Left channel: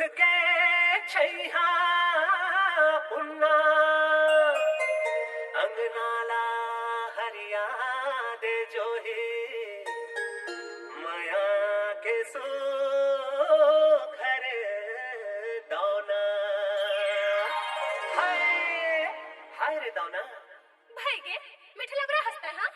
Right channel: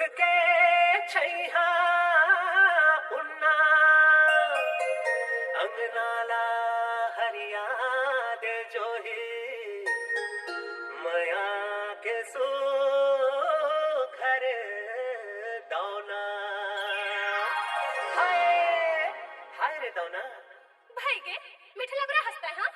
के छैहा उन्ना अंगनाला हरिया दे जो ही मया के सो घर दौना हाय हाय रे दौना भाई गे मिठला बड़ा हंसता है हाँ